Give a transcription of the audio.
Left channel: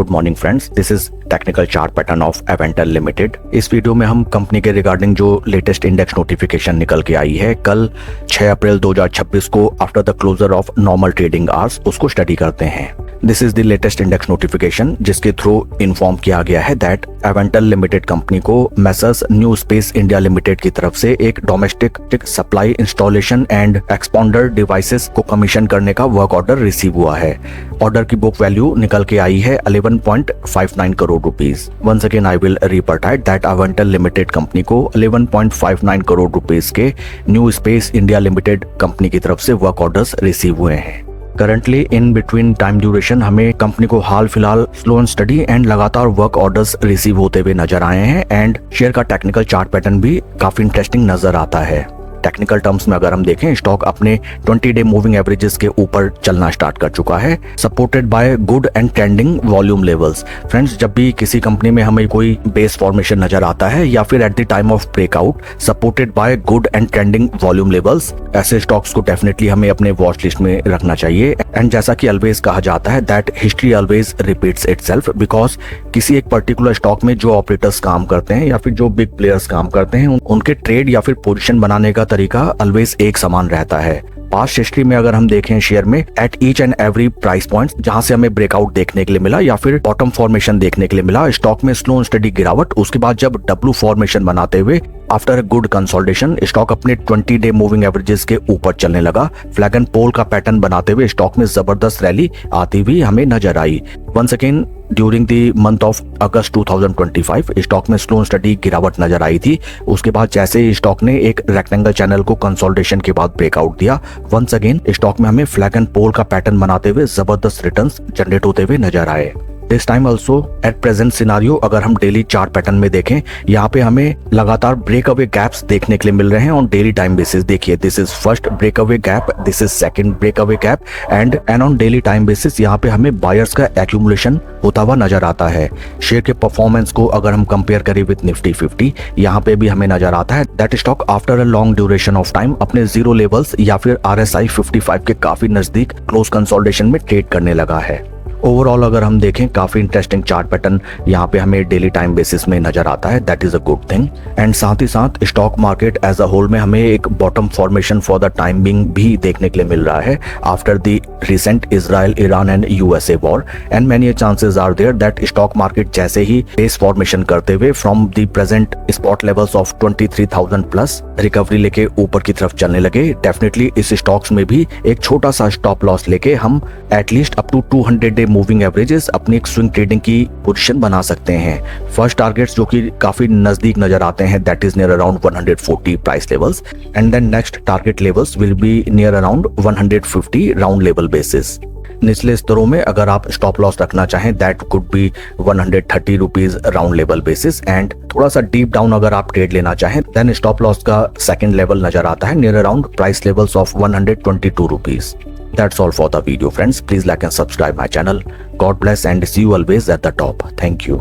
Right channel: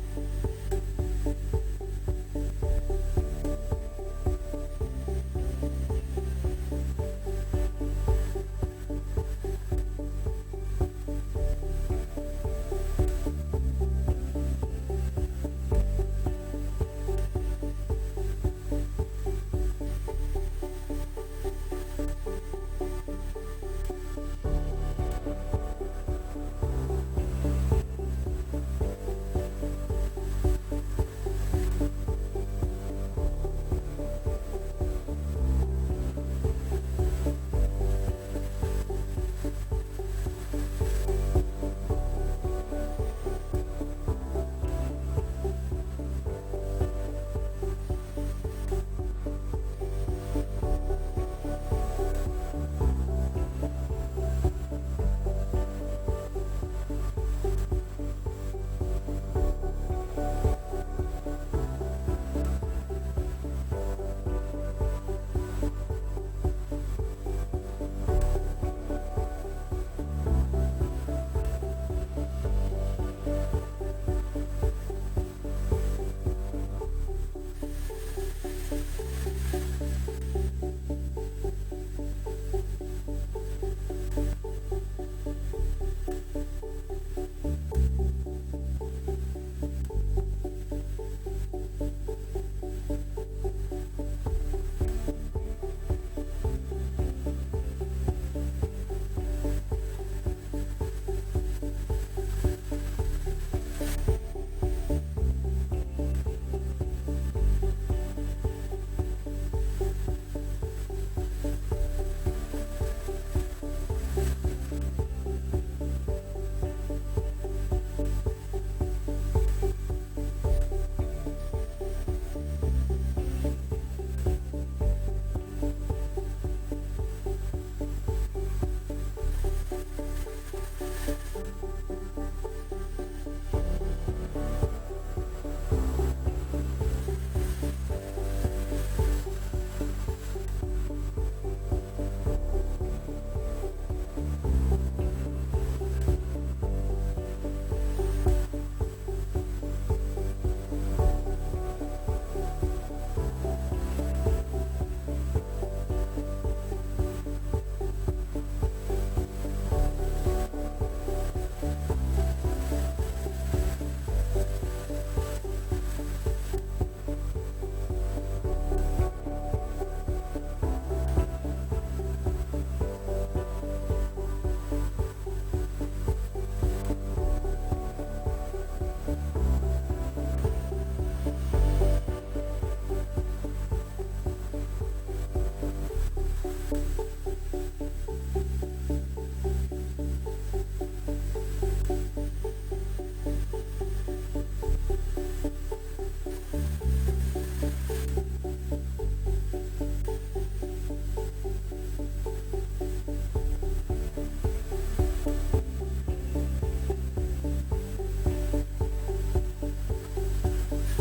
Good morning friends, this is technical chart pattern of Aventel limited. इस video में हम company के regarding जो लेटेस्ट इंडेक्स नोटिफिकेशन निकल के आई है कल 6 अप्रैल 2026 को after the closure of normal trading hours, उसको स्टडी करते हैं। This is the latest index notification जिसके थ्रू इन्फॉर्म किया गया है दैट एवेंटल लिमिटेड कंपनी को messrs New space India Limited की तरफ से एक domestic supply installation and expander devices को कमीशन करने का वर्क ऑर्डर रिसीव हुआ है। ऑर्डर की बुक वैल्यू निकल के आई है 11.59 crore rupees. Once again I will repeat that Avantel limited company को 11.59 करोड़ रुपीस के new space India limited company की तरफ से वर्क ऑर्डर्स रिसीव हुए हैं। Currently in between time duration हमें कंपनी को हाल फिलहाल स्लो एंड स्टडी एंड लगातार वर्क ऑर्डर्स रिसीव होते हुए नजर आए हैं एंड शेयर का टेक्निकल चार्ट पैटर्न भी काफी इंटरेस्टिंग नजर आता है। टेक्निकल टर्म्स में अगर हम देखें, स्टॉक अपने 20 डे मूविंग एवरेजेस के ऊपर चलना स्टार्ट कर चुका है, supported by good and trending volume levels. Friends, जब भी किसी कंपनी में हमें कोई बेस फॉर्मेशन नजर आता है या फिर at the time of breakout supported by good and trending volume levels, ऐसे स्टॉक्स को डेफिनेटली हमें अपने वॉच लिस्ट में रखना चाहिए। एंड जैसा कि ऑलवेज कहा जाता है that history always repeats itself, because किसी एक पर्टिकुलर स्टॉक में जो ऑपरेटर्स काम करते हैं या फिर जो बिग प्लेयर्स काम करते हैं उनके ट्रेड या फिर पोजीशन बनाने का तरीका ऑलवेज एक समान रहता है। पास्ट हिस्ट्री में अगर हम देखें शेयर में, at each and every price point जहां से हमें ब्रेकआउट देखने के लिए मिला या फिर बॉटम फॉर्मेशन देखने के लिए मिला, स्टॉक में स्लो एंड स्टडी गिरावट, उसके बाद जब डब्ल्यू फॉर्मेशन बनाते हुए after a good consolidation stock अपने 20 डे मूविंग एवरेजेस के ऊपर चलने लगा। फ्लैग एंड पोल का पैटर्न बनाते हुए स्टॉक में जबरदस्त रैली आती हुई हमें नजर आई। Once again during the month of August 2025 stock में स्लो एंड स्टडी गिरावट नजर आई थी। उसके बाद जैसे ही स्टॉक ने एक रेक्टेंगल चैनल को कंसोलिडेशन के बाद ब्रेकआउट दिया, वंस अगेन स्टॉक में हमें फ्लैग एंड पोल का पैटर्न बनाते हुए जबरदस्त रिटर्न्स जनरेट होते हुए नजर आए। This time also at present scenario अगर हम डेली चार्ट पैटर्न में देखें, यहाँ पे हमें लगातार ब्रेकअवे गैप्स देखने के लिए मिल रहे हैं ऑन डेली टाइम बेसिस। देखिए, this is first breakaway gap, this is second breakaway gap and on daily time basis यहाँ पे हमें बायर्स का एक्यूमुलेशन होता हुआ नजर आता है। शेयर के परफॉर्मेंस को अगर हम कंपेयर करें विद निफ्टी 50, यहाँ पे भी हमें नजर आता है that stock after a long duration of time अपने जीरो लेवल्स या फिर RSI 55 के काफी नजदीक क्लोज कंसोलिडेशन में ट्रेड करने लगा है। ओवरऑल अगर हम देखें, काफी इंटरेस्टिंग चार्ट पैटर्न यहाँ पे हमें डेली टाइम बेसिस में नजर आता है, that is a good thing. And साथ ही साथ stock market as a whole में हमें एक bottom formation for the time being भी देखने के लिए मिल रहा है after the recent Israel Iran and USA war and many chances are there that stock market जैसे ही बेस फॉर्मेशन करते हुए from the present spot levels of 23,000 plus recovery लेके ऊपर की तरफ चलने लगे, डेफिनेटली इस स्टॉक्स में भी एक छोटा सा स्टॉप लॉस लेके हम at least up to 200 day moving averages अपनी एक स्विंग ट्रेडिंग की पोजीशन बना सकते हैं। फर्स्ट टारगेट्स जो कि काफी नजदीक नजर आते हैं that is near around 140 price levels and then next target levels will be near around 150 round level basis. निचले स्तरों में अगर आप स्टॉप लॉस रखना चाहें that could be 130 rupees round level basis and थोड़ा सा डीप डाउन अगर आप ट्रेड लेना चाहें देन स्टॉप लॉस का सेकंड लेवल नजर आता है near around price levels of 122 rupees. That's all for the video friends. Please like and subscribe my channel. God bless and see you always at the top. Thank you.